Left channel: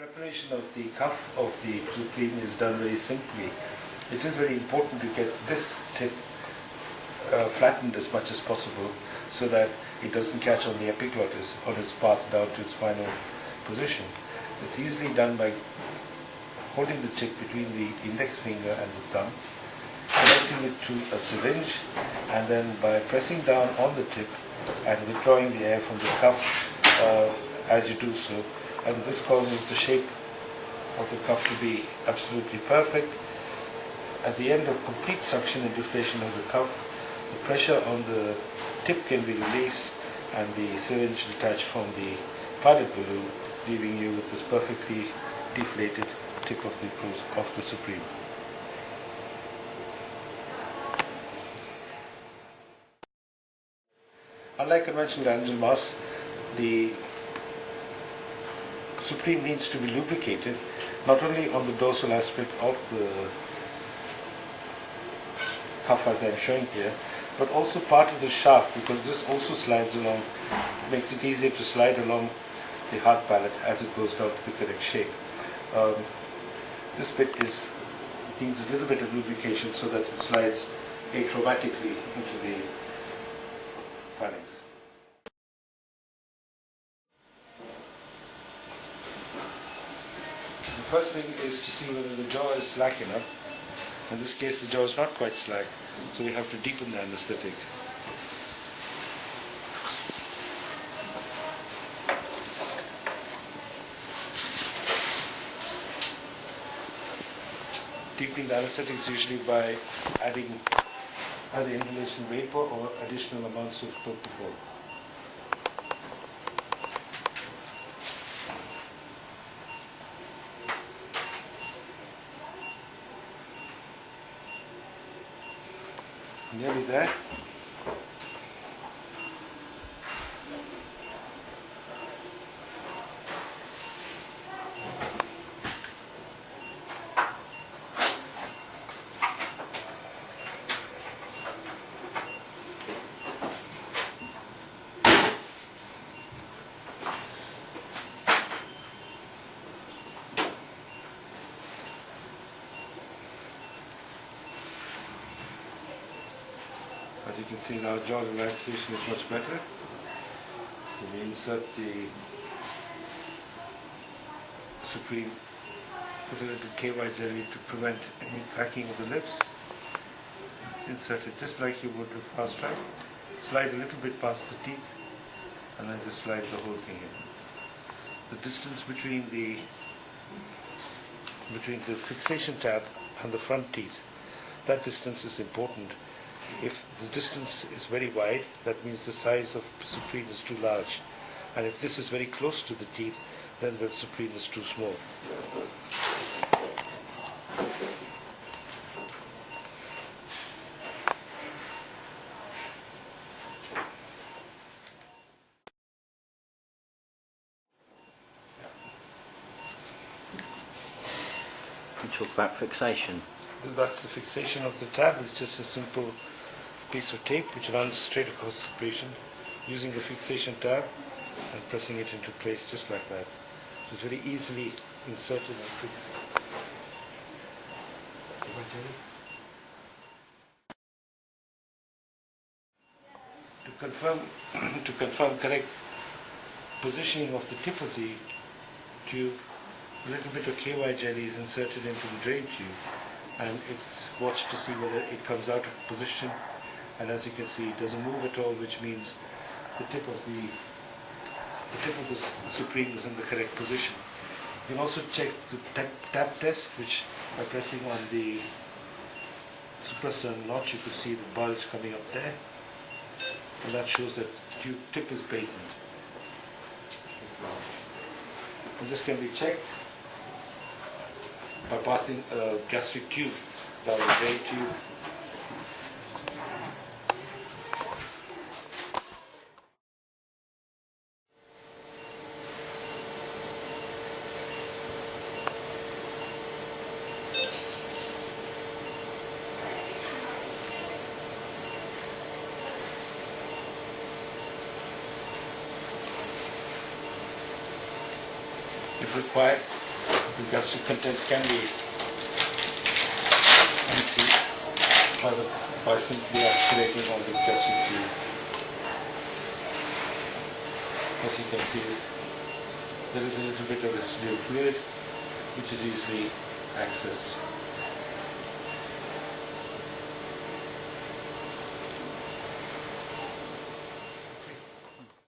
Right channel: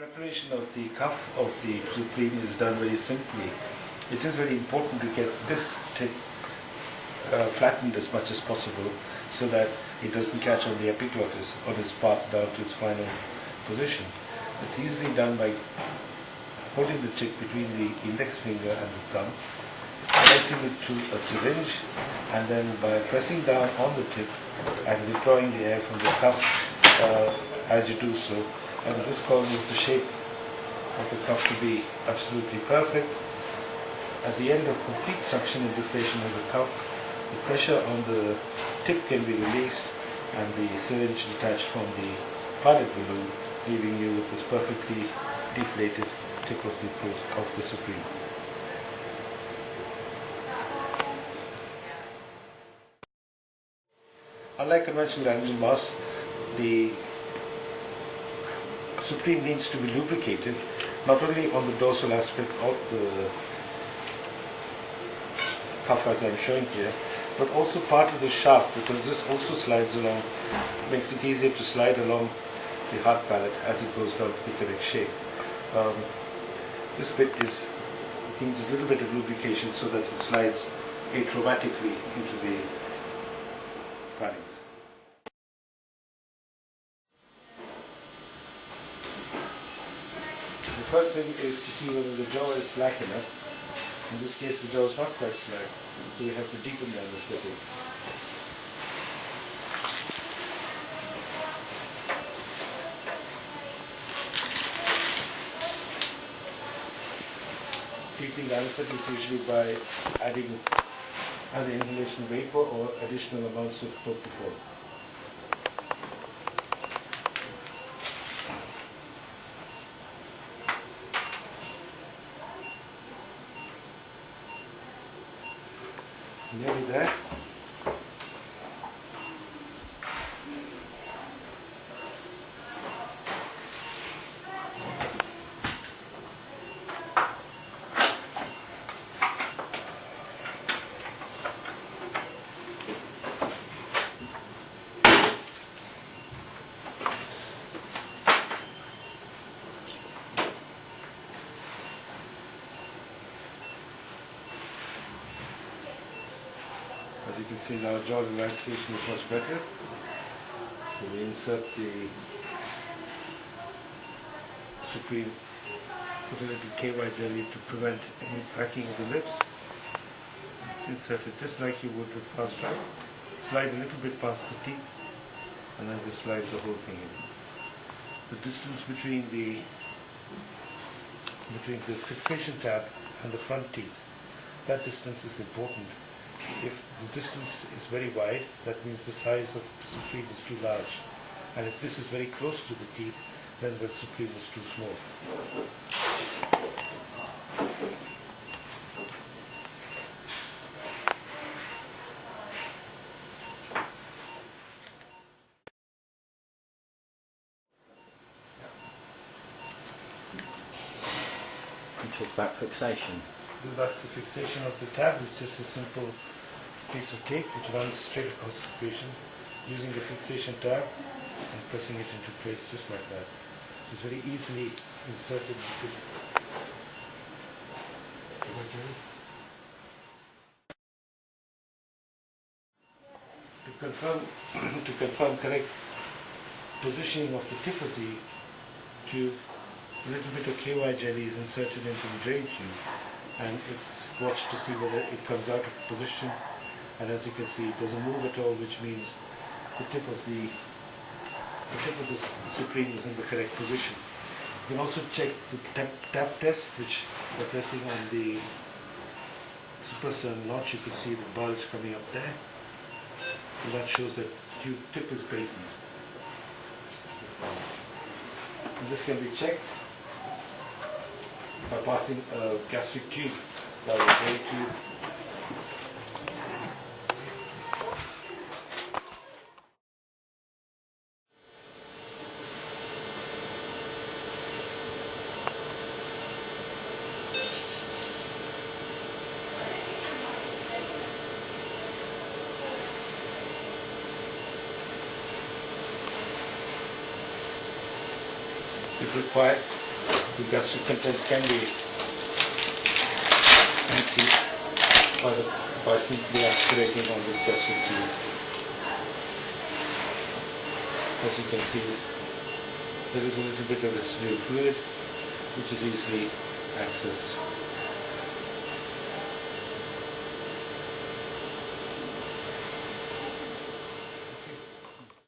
Preparation of the cuff of the Supreme is done very simply. It is very important to get this tip flattened as much as possible so that it doesn't catch on the epiglottis on its path down to its final position. It's easily done by holding the tip between the index finger and the thumb, connecting it to a syringe, and then by pressing down on the tip and withdrawing the air from the cuff as you do so. And this causes the shape of the cuff to be absolutely perfect. At the end of complete suction and deflation of the cuff, the pressure on the tip can be released and the syringe detached from the pilot balloon, leaving you with this perfectly deflated tip of the Supreme. Unlike conventional angel masks, the Supreme needs to be lubricated, not only on the dorsal aspect of the cuff as I'm showing here, but also part of the shaft, because this also slides along, makes it easier to slide along the hard pallet as it goes down to the correct shape. This bit needs a little bit of lubrication so that it slides atraumatically into the phalanx. The first thing is to see whether the jaw is slack enough. In this case, the jaw is not quite slack, so we have to deepen the anesthetic. Deepening the anesthetic is usually by adding either inhalation vapor or additional amounts of propofol. Nearly there. As you can see now, jaw relaxation is much better. So we insert the Supreme, put a little KY jelly to prevent any cracking of the lips. It's inserted just like you would with fast track. Slide a little bit past the teeth and then just slide the whole thing in. The distance between the fixation tab and the front teeth, that distance is important. If the distance is very wide, that means the size of Supreme is too large. And if this is very close to the teeth, then the Supreme is too small. You talk about fixation. That's the fixation of the tab. It's just a simple piece of tape which runs straight across the patient using the fixation tab and pressing it into place just like that. So it's very easily inserted and fixed. To confirm correct positioning of the tip of the tube, a little bit of KY jelly is inserted into the drain tube, and it's watched to see whether it comes out of position. And as you can see, it doesn't move at all, which means the tip of the Supreme is in the correct position. You can also check the tap test, which by pressing on the suprasternal notch, you could see the bulge coming up there. And that shows that the tip is patent. And this can be checked by passing a gastric tube down the drain tube. If required, the gastric contents can be empty by simply aspirating on the gastric juice. As you can see, there is a little bit of residual fluid which is easily accessed.